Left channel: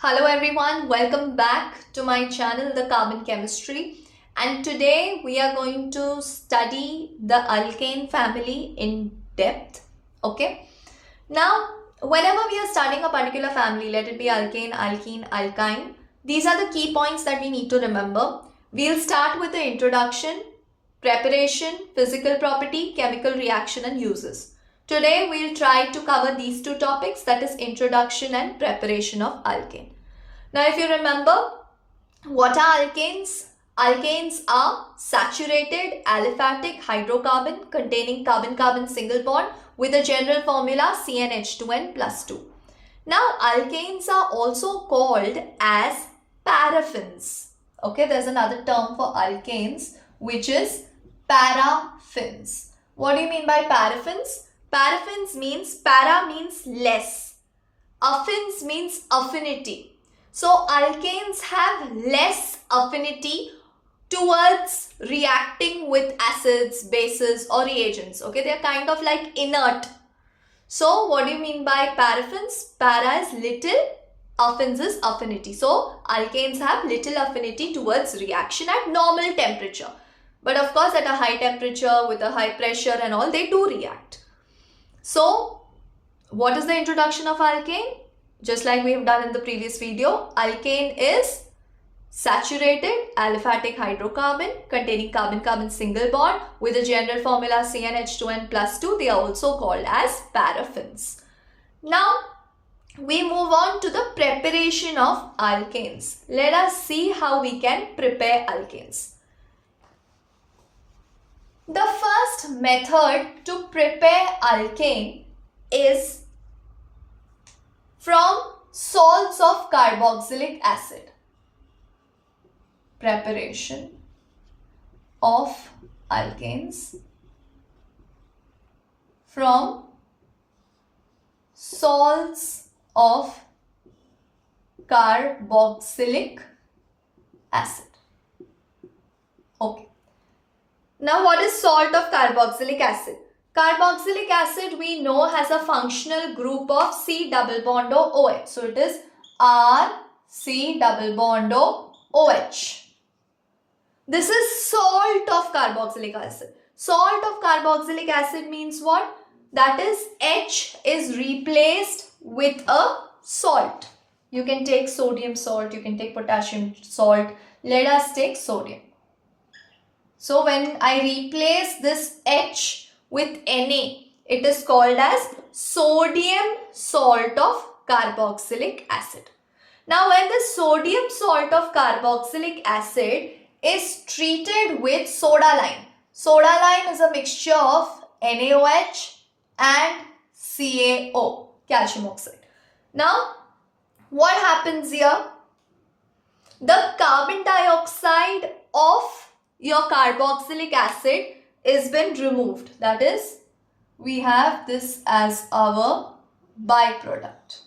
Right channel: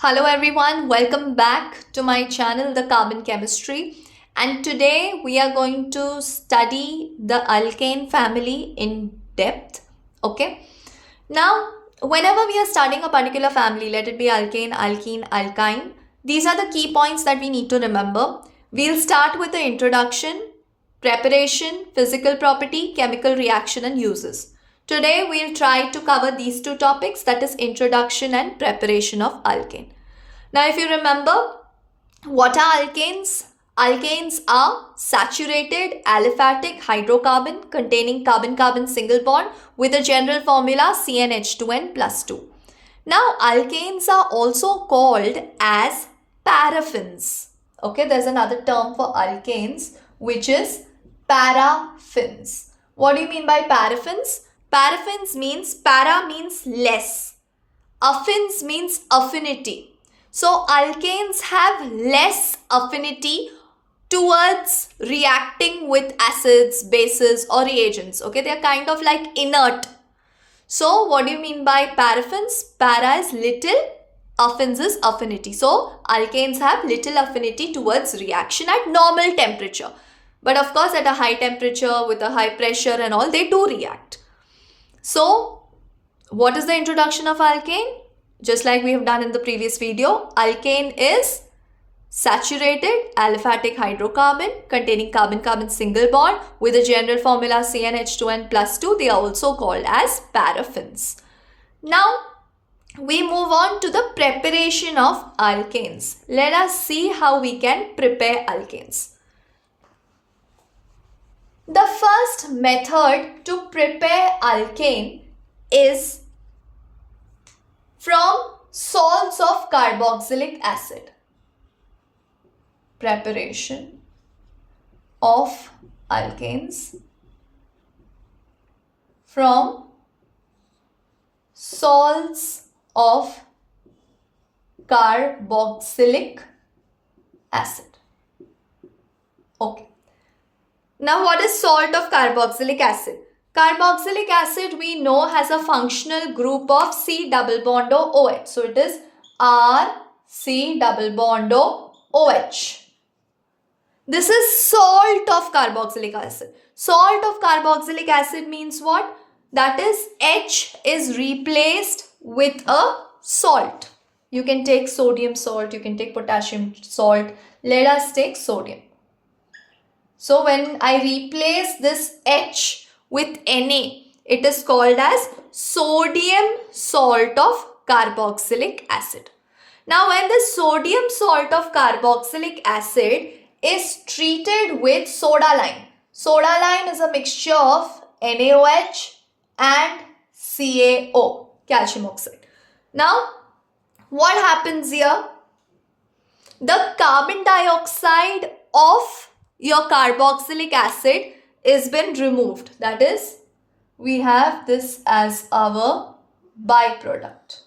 Hello everyone, welcome back to my channel The Carbon Chemistry, and today we are going to study the alkane family in depth. Okay, now whenever we are studying a particular family, let it be alkane, alkene, alkyne, these are the key points that we need to remember. We'll start with the introduction, preparation, physical property, chemical reaction and uses. Today we'll try to cover these two topics, that is introduction and preparation of alkane. Now if you remember, what are alkanes? Alkanes are saturated aliphatic hydrocarbon containing carbon-carbon single bond with a general formula CnH2n plus 2. Now alkanes are also called as paraffins. Okay, there's another term for alkanes which is paraffins. What do you mean by paraffins? Paraffins means, para means less. Affins means affinity. So alkanes have less affinity towards reacting with acids, bases or reagents. Okay, they are kind of like inert. So what do you mean by paraffins? Para is little, affins is affinity. So alkanes have little affinity towards reaction at normal temperature. But of course at a high temperature with a high pressure and all, they do react. So what is the introduction of alkane? Just like we have done in the previous video, alkane is saturated aliphatic hydrocarbon containing carbon-carbon single bond with a general formula CnH2n plus 2. They are also called as paraffins. Now we move on to the preparation of alkanes. Let us see how we can prepare alkanes. The first method to prepare alkane is from salts of carboxylic acid. Preparation of alkanes from salts of carboxylic acid. Okay. Now what is salt of carboxylic acid? Carboxylic acid we know has a functional group of C double bond OH. So it is RC double bond OH. This is salt of carboxylic acid. Salt of carboxylic acid means what? That is H is replaced with a salt. You can take sodium salt, you can take potassium salt. Let us take sodium. So when I replace this H with Na, it is called as sodium salt of carboxylic acid. Now when the sodium salt of carboxylic acid is treated with soda lime. Soda lime is a mixture of NaOH and CaO, calcium oxide. Now what happens here? The carbon dioxide of your carboxylic acid is been removed. That is, we have this as our byproduct.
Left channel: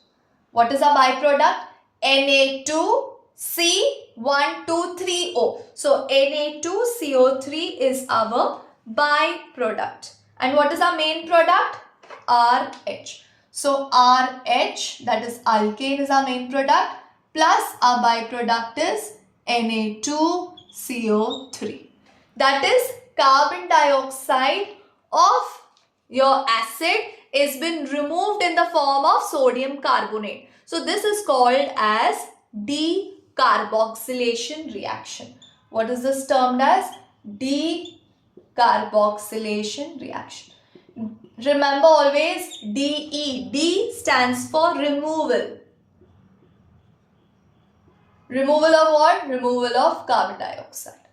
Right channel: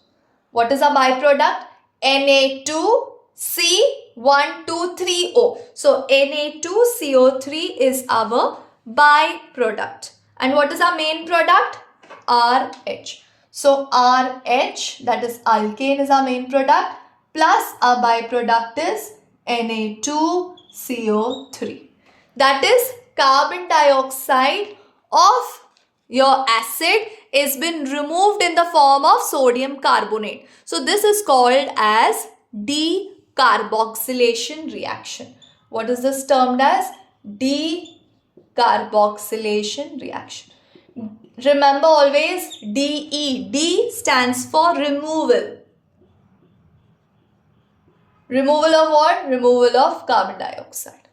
What is our byproduct? Na2C123O. So Na2CO3 is our byproduct. And what is our main product? RH. So RH, that is alkane, is our main product, plus our byproduct is Na2CO3. That is, carbon dioxide of your acid is been removed in the form of sodium carbonate. So this is called as decarboxylation reaction. What is this termed as? Decarboxylation reaction. Remember always DE. D stands for removal. Removal of what? Removal of carbon dioxide.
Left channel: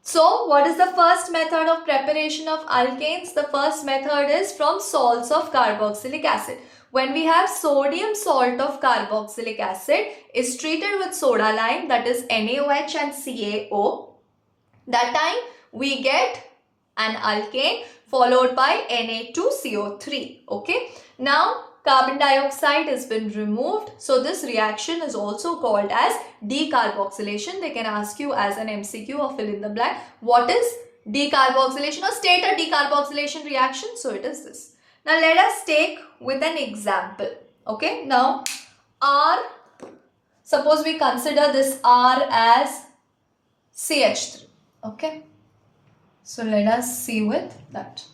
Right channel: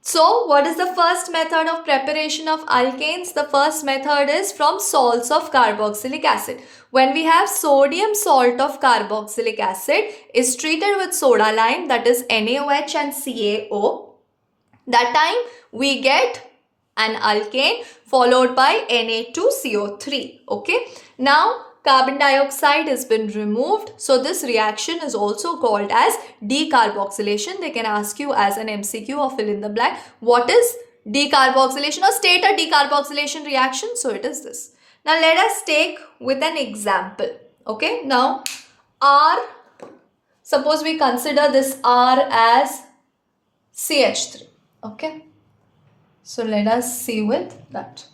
So what is the first method of preparation of alkanes? The first method is from salts of carboxylic acid. When we have sodium salt of carboxylic acid is treated with soda lime, that is NaOH and CaO, that time we get an alkane followed by Na2CO3. Okay. Now carbon dioxide has been removed. So this reaction is also called as decarboxylation. They can ask you as an MCQ or fill in the blank. What is decarboxylation, or state a decarboxylation reaction? So it is this. Now let us take with an example. Okay. Now R, suppose we consider this R as CH3. Okay. So let us see with that.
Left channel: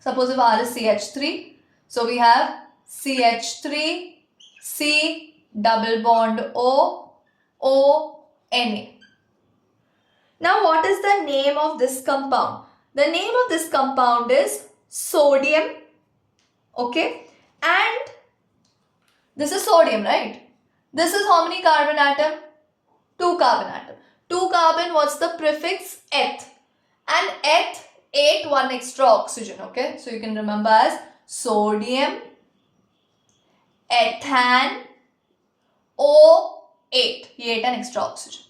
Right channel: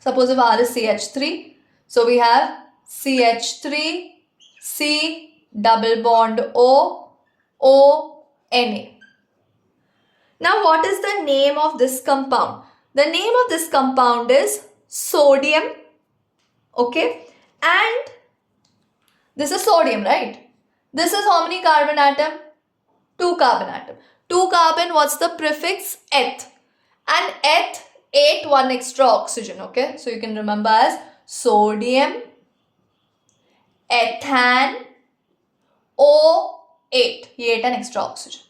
Suppose if R is CH3, so we have CH3, C, double bond O, O, Na. Now what is the name of this compound? The name of this compound is sodium. Okay. And this is sodium, right? This is how many carbon atom? 2 carbon atom. 2 carbon, what's the prefix? Eth. And eth ate 1 extra oxygen. Okay. So you can remember as sodium, ethan, O8. He ate an extra oxygen.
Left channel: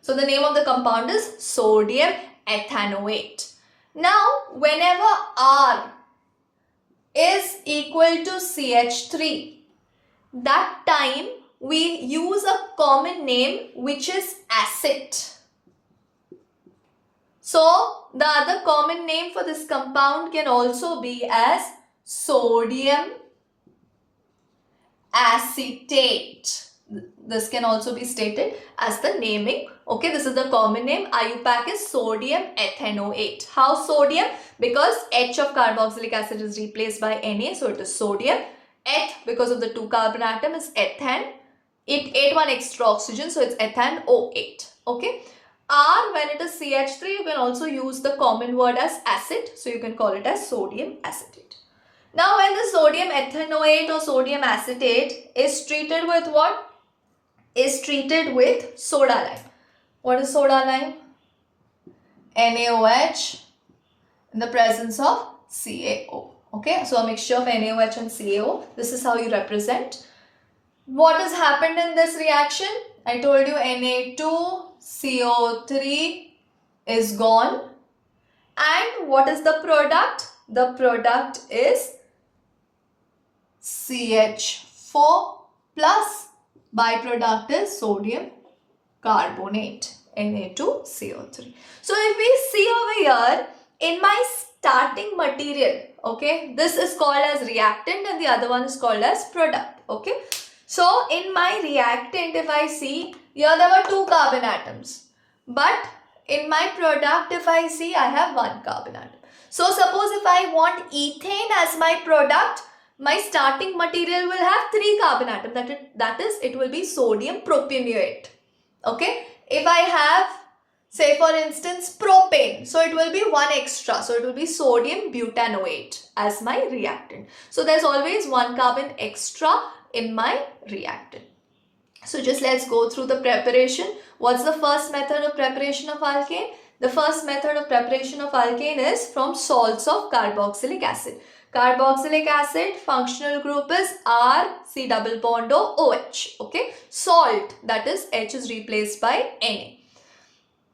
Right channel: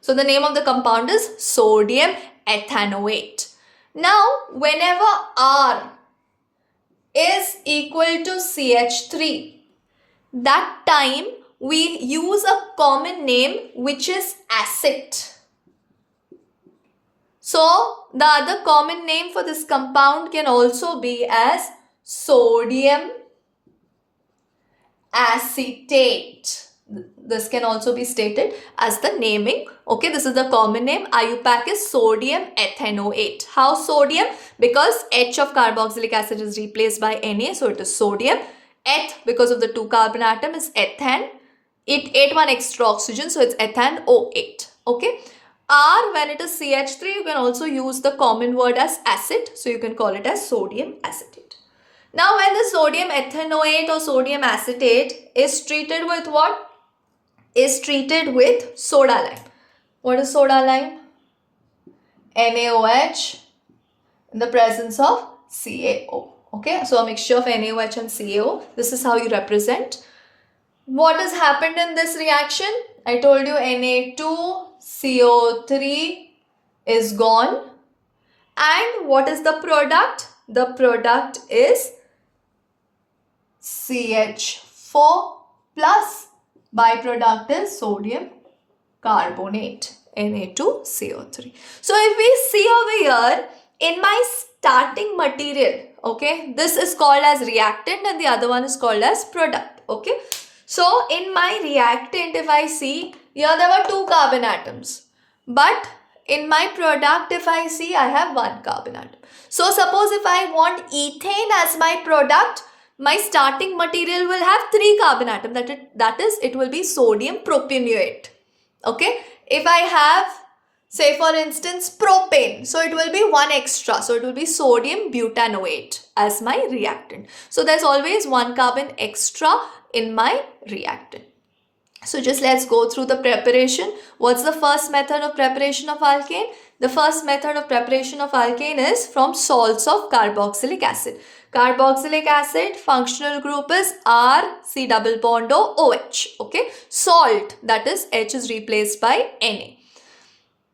So the name of the compound is sodium ethanoate. Now, whenever R is equal to CH3, that time we use a common name which is acid. So the other common name for this compound can also be as sodium acetate. This can also be stated as the naming. Okay, this is the common name. IUPAC is sodium ethanoate. How sodium? Because H of carboxylic acid is replaced by Na, so it is sodium. Eth, because of the 2 carbon atom, is ethan. It ate 1 extra oxygen, so it's ethan O8. Okay. R, when it is CH3, you can also use the common word as acid, so you can call it as sodium acetate. Now, when the sodium ethanoate or sodium acetate is treated with what? Is treated with soda lime. What is soda lime? NaOH in the presence of CaO. Okay, so a mixture of NaOH and CaO. This is how you represent. What has happened in this reaction? I told you Na2CO3 is gone. And what is the product? The product is CH4 plus byproduct is sodium carbonate, Na2CO3. So if we see over here, in my starting material, okay, this is called as reactant and the other one is called as product, okay. So in my reactant, if I see, here there were 2 carbon atoms, but in my product, if I see, I have 1 carbon atom. So suppose if I want ethane as my product, my starting material will have 3 carbon atoms. That is, it will be sodium propanoate. Okay. If I have, say for instance, propane, so it will be 1 extra. So it will be sodium butanoate as my reactant. So there's always 1 carbon extra in my reactant. So just let's go through the preparation. What's the first method of preparation of alkane? The first method of preparation of alkane is from salts of carboxylic acid. Carboxylic acid functional group is R, C double bond O, OH. Okay. Salt, that is H is replaced by Na.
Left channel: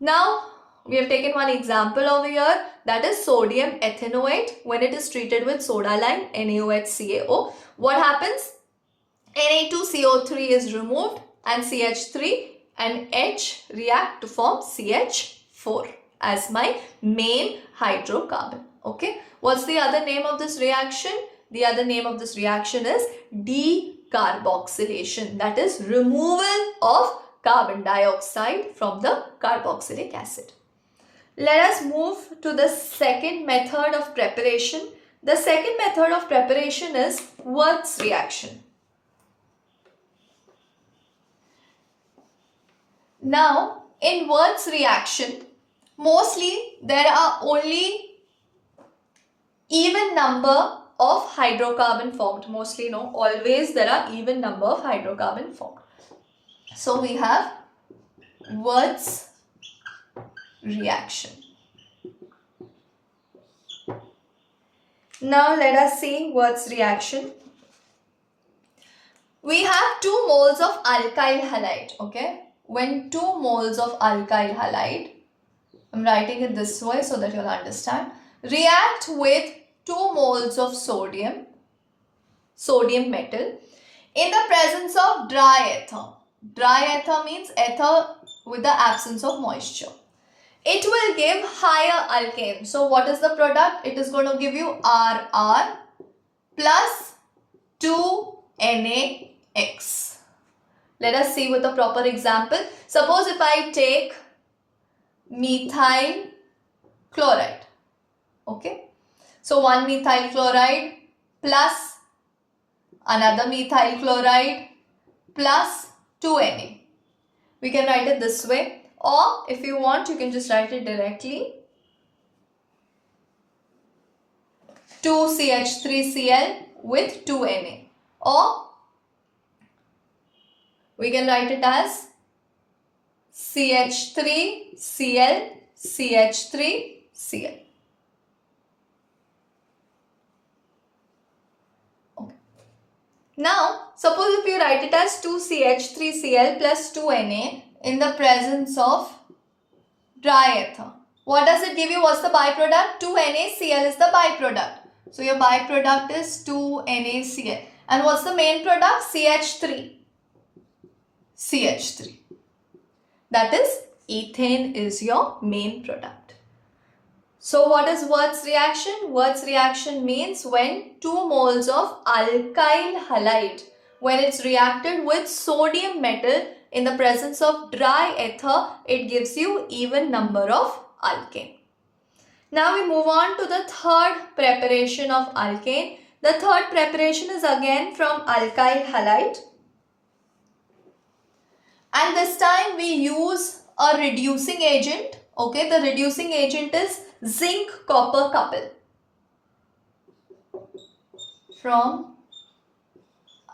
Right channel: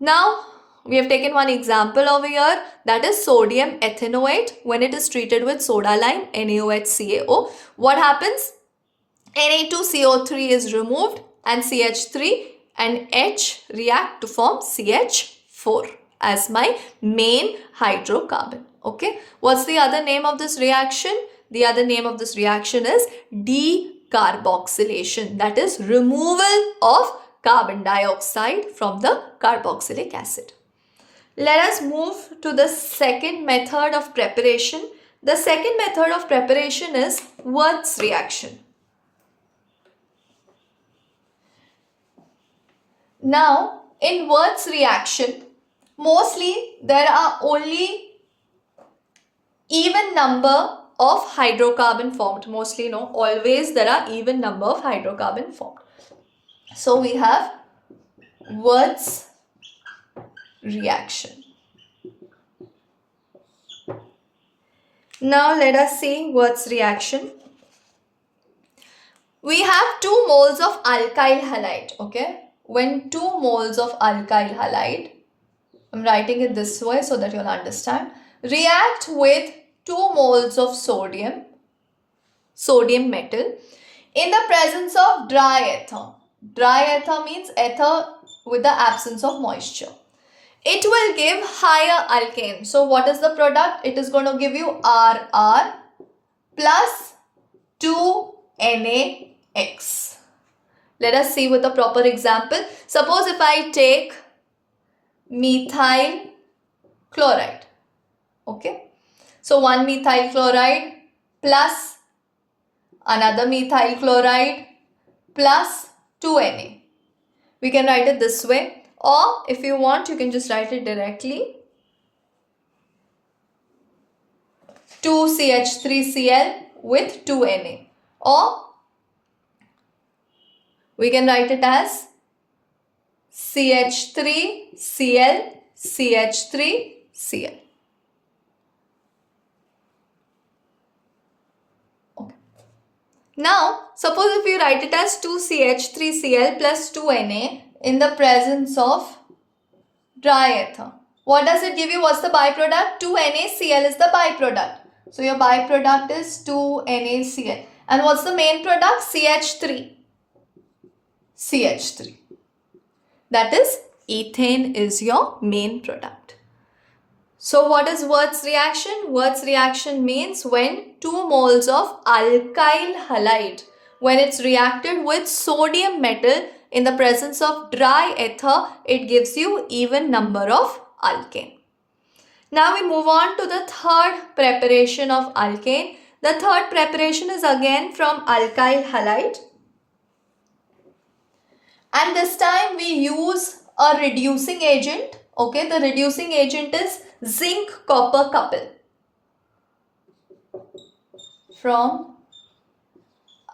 Now we have taken one example over here, that is sodium ethanoate. When it is treated with soda lime, NaOH CaO, what happens? Na2CO3 is removed and CH3 and H react to form CH4 as my main hydrocarbon. Okay. What's the other name of this reaction? The other name of this reaction is decarboxylation. That is removal of carbon dioxide from the carboxylic acid. Let us move to the second method of preparation. The second method of preparation is Wurtz reaction. Now, in Wurtz reaction, mostly there are only even number of hydrocarbon formed. Mostly, no, always there are even number of hydrocarbon formed. So we have Wurtz reaction. Now let us see Wurtz reaction. We have 2 moles of alkyl halide. Okay. When 2 moles of alkyl halide, I'm writing it this way so that you'll understand, react with 2 moles of sodium metal in the presence of dry ether. Dry ether means ether with the absence of moisture. It will give higher alkane. So what is the product? It is going to give you RR plus 2NaX. Let us see with a proper example. Suppose if I take methyl chloride. Okay. So one methyl chloride plus another methyl chloride plus 2Na. We can write it this way, or if you want you can just write it directly. 2CH3Cl with 2Na, or we can write it as CH3Cl CH3Cl. Okay. Now, suppose if you write it as 2CH3Cl plus 2Na in the presence of dry ether. What does it give you? What's the byproduct? 2NaCl is the byproduct. So your byproduct is 2NaCl. And what's the main product? CH3. CH3. That is, ethane is your main product. So what is Wurtz reaction? Wurtz reaction means when 2 moles of alkyl halide, when it's reacted with sodium metal in the presence of dry ether, it gives you even number of alkane. Now we move on to the third preparation of alkane. The third preparation is again from alkyl halide. And this time we use a reducing agent. Okay, the reducing agent is zinc copper couple from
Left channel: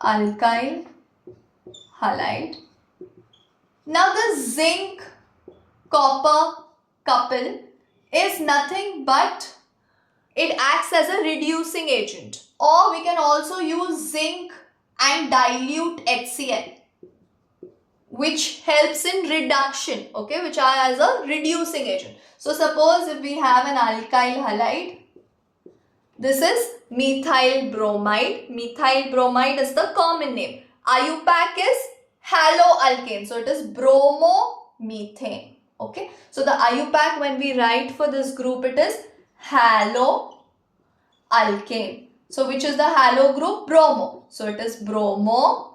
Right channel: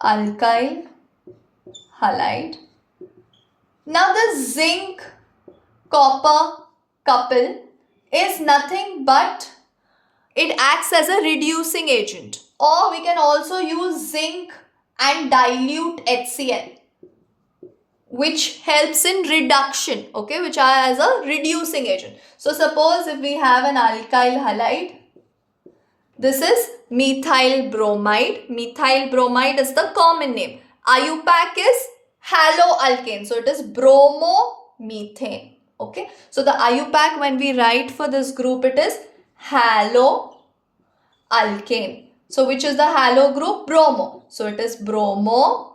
alkyl halide. Now the zinc copper couple is nothing but it acts as a reducing agent, or we can also use zinc and dilute HCl, which helps in reduction, okay, which are as a reducing agent. So suppose if we have an alkyl halide, this is methyl bromide. Methyl bromide is the common name. IUPAC is haloalkane, so it is bromomethane. Okay, so the IUPAC when we write for this group, it is haloalkane. So which is the halo group? Bromo. So it is bromo,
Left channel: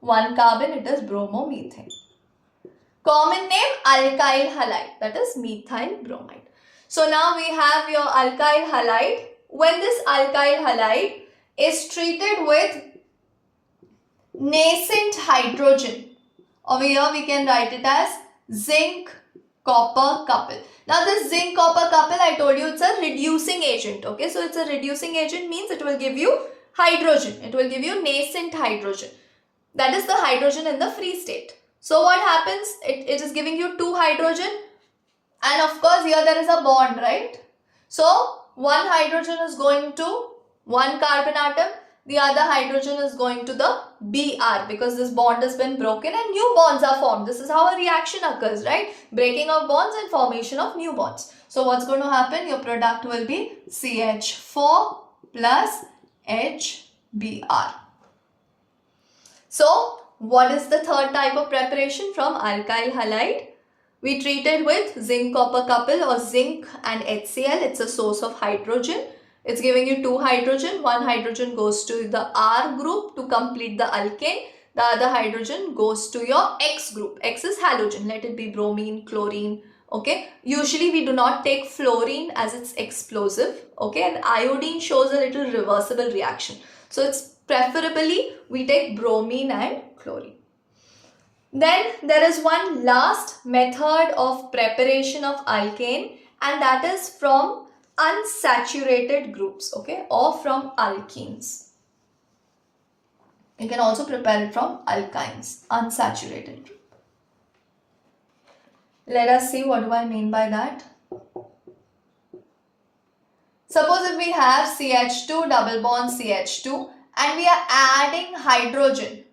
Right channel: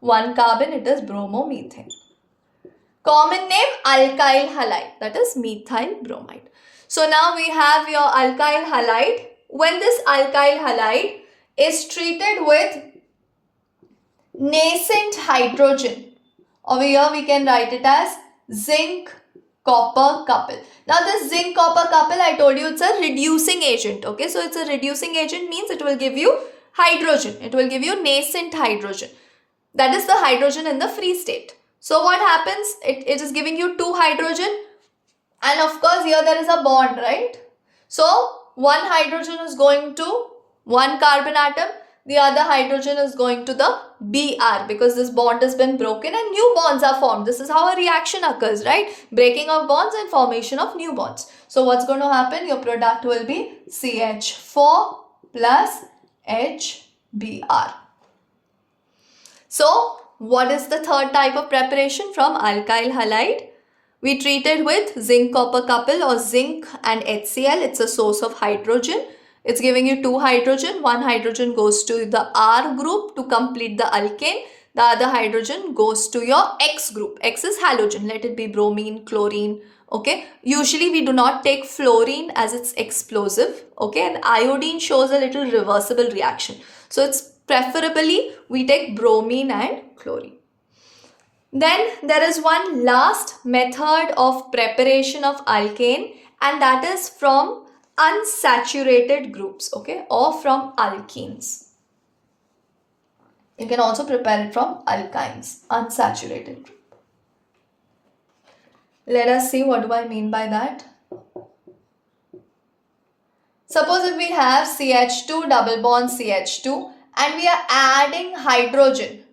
one carbon, it is bromomethane. Common name alkyl halide, that is methyl bromide. So now we have your alkyl halide. When this alkyl halide is treated with nascent hydrogen, over here we can write it as zinc copper couple. Now this zinc copper couple, I told you it's a reducing agent. Okay, so it's a reducing agent means it will give you hydrogen. It will give you nascent hydrogen. That is the hydrogen in the free state. So what happens? It is giving you 2 hydrogen, and of course here there is a bond, right? So one hydrogen is going to one carbon atom, the other hydrogen is going to the Br, because this bond has been broken and new bonds are formed. This is how a reaction occurs, right? Breaking of bonds and formation of new bonds. So what's going to happen? Your product will be CH4 plus HBr. So what is the third type of preparation from alkyl halide? We treat it with zinc copper couple or zinc and HCl. It's a source of hydrogen. It's giving you 2 hydrogen. One hydrogen goes to the R group to complete the alkane. The other hydrogen goes to your X group. X is halogen. Let it be bromine, chlorine. Okay. Usually we do not take fluorine as it's explosive. Okay. And iodine shows a little reversible reaction. So it's preferably we take bromine and chlorine. Then there is one last method of preparation of alkane, and that is from unsaturated groups, okay, or from alkenes. You can also prepare it from alkynes, unsaturated group. Let us see what do I mean by that. Suppose if we have CH2 double bond CH2 and we are adding hydrogen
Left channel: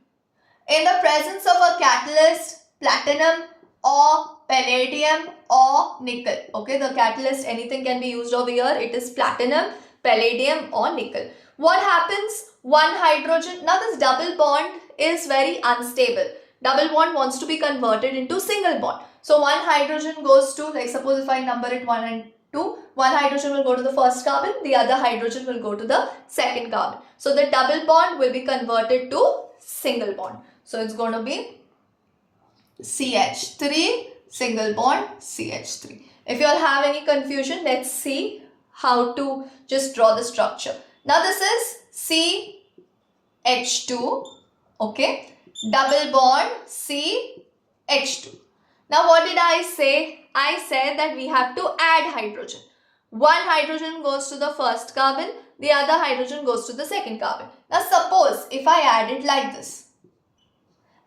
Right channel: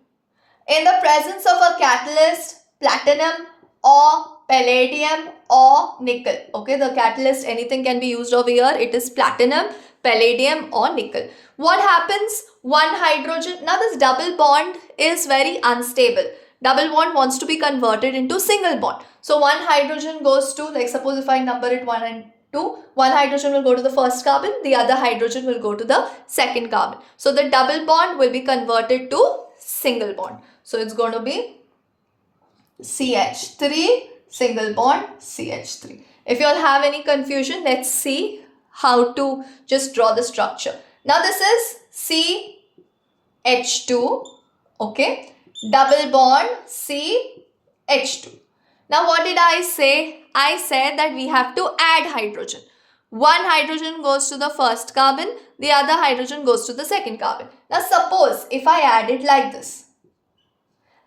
in the presence of a catalyst, platinum or palladium or nickel. Okay, the catalyst, anything can be used over here. It is platinum, palladium or nickel. What happens? One hydrogen, now this double bond is very unstable. Double bond wants to be converted into single bond. So one hydrogen goes to, like suppose if I number it 1 and one hydrogen will go to the first carbon, the other hydrogen will go to the second carbon. So the double bond will be converted to single bond. So it's going to be CH3, single bond CH3. If you all have any confusion, let's see how to just draw the structure. Now this is CH2, okay, double bond CH2. Now what did I say? I said that we have to add hydrogen. One hydrogen goes to the first carbon, the other hydrogen goes to the second carbon. Now suppose if I add it like this,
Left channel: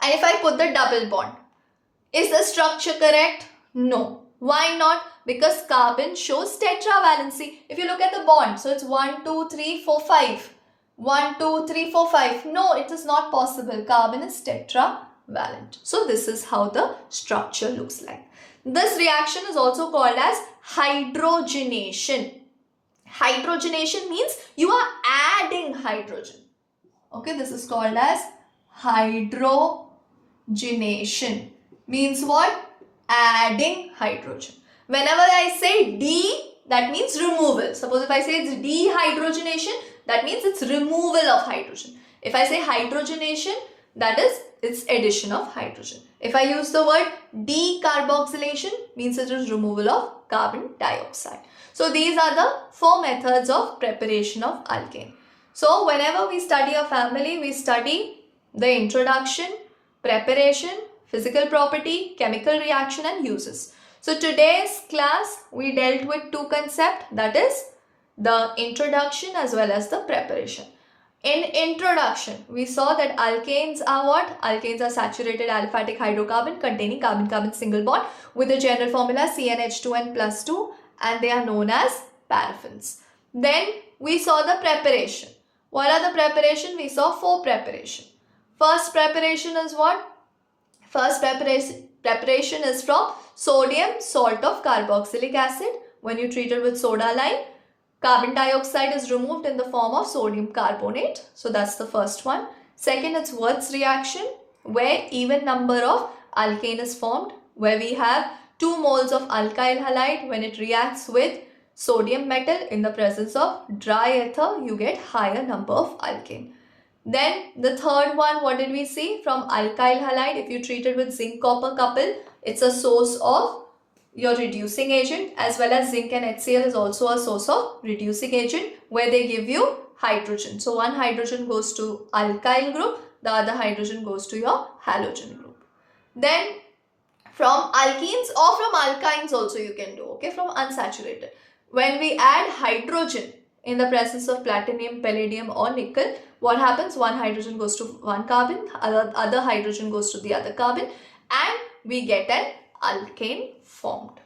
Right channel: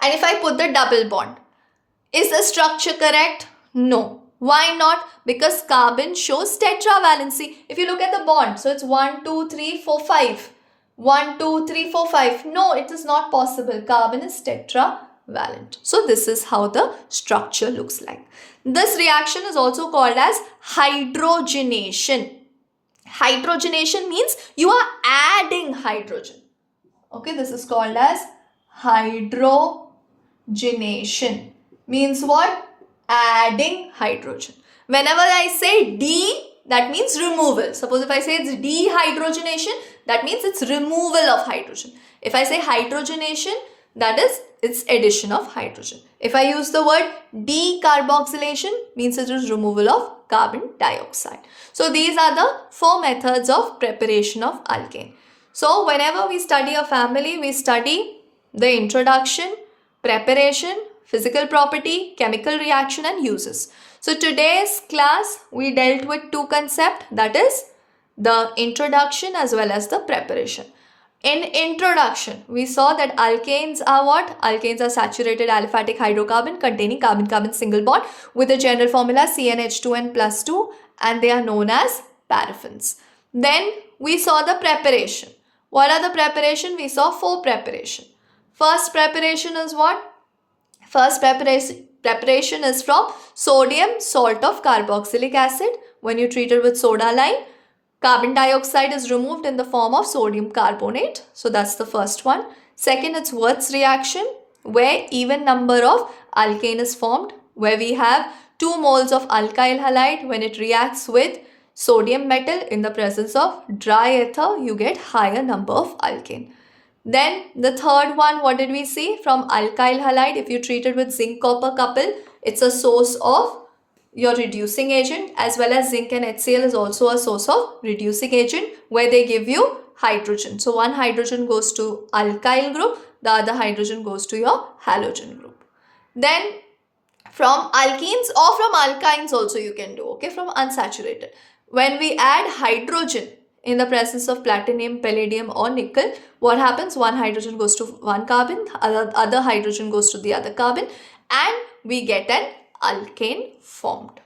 and if I put the double bond, is the structure correct? No. Why not? Because carbon shows tetravalency. If you look at the bond, so it's 1, 2, 3, 4, 5. 1, 2, 3, 4, 5. No, it is not possible. Carbon is tetravalent. So this is how the structure looks like. This reaction is also called as hydrogenation. Hydrogenation means you are adding hydrogen. Okay, this is called as hydrogenation. Means what? Adding hydrogen. Whenever I say D, that means removal. Suppose if I say it's dehydrogenation, that means it's removal of hydrogen. If I say hydrogenation, that is it's addition of hydrogen. If I use the word decarboxylation, means it is removal of carbon dioxide. So these are the 4 methods of preparation of alkane. So whenever we study a family, we study the introduction, preparation, physical property, chemical reaction and uses. So today's class we dealt with 2 concepts, that is the introduction as well as the preparation. In introduction, we saw that alkanes are what? Alkanes are saturated aliphatic hydrocarbon containing carbon-carbon single bond with the general formula CnH2n plus 2 and they are known as paraffins. Then we saw the preparation. What are the preparation? We saw 4 preparation. First preparation is what? First preparation is from sodium salt of carboxylic acid. When you treat it with soda lime, carbon dioxide is removed in the form of sodium carbonate. So that's the first one. Second, it's Wurtz reaction where even number of alkane is formed, where we have 2 moles of alkyl halide. When it reacts with sodium metal in the presence of dry ether, you get higher number of alkane. Then the third one, what did we see? From alkyl halide, if you treat it with zinc copper couple, it's a source of your reducing agent, as well as zinc and HCl is also a source of reducing agent where they give you hydrogen. So one hydrogen goes to alkyl group, the other hydrogen goes to your halogen group. Then from alkenes or from alkynes also you can do, okay, from unsaturated. When we add hydrogen in the presence of platinum, palladium or nickel, what happens? One hydrogen goes to one carbon, other hydrogen goes to the other carbon and we get an alkane formed.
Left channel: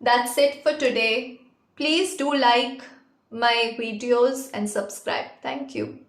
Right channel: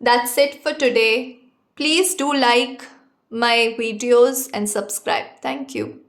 That's it for today. Please do like my videos and subscribe. Thank you.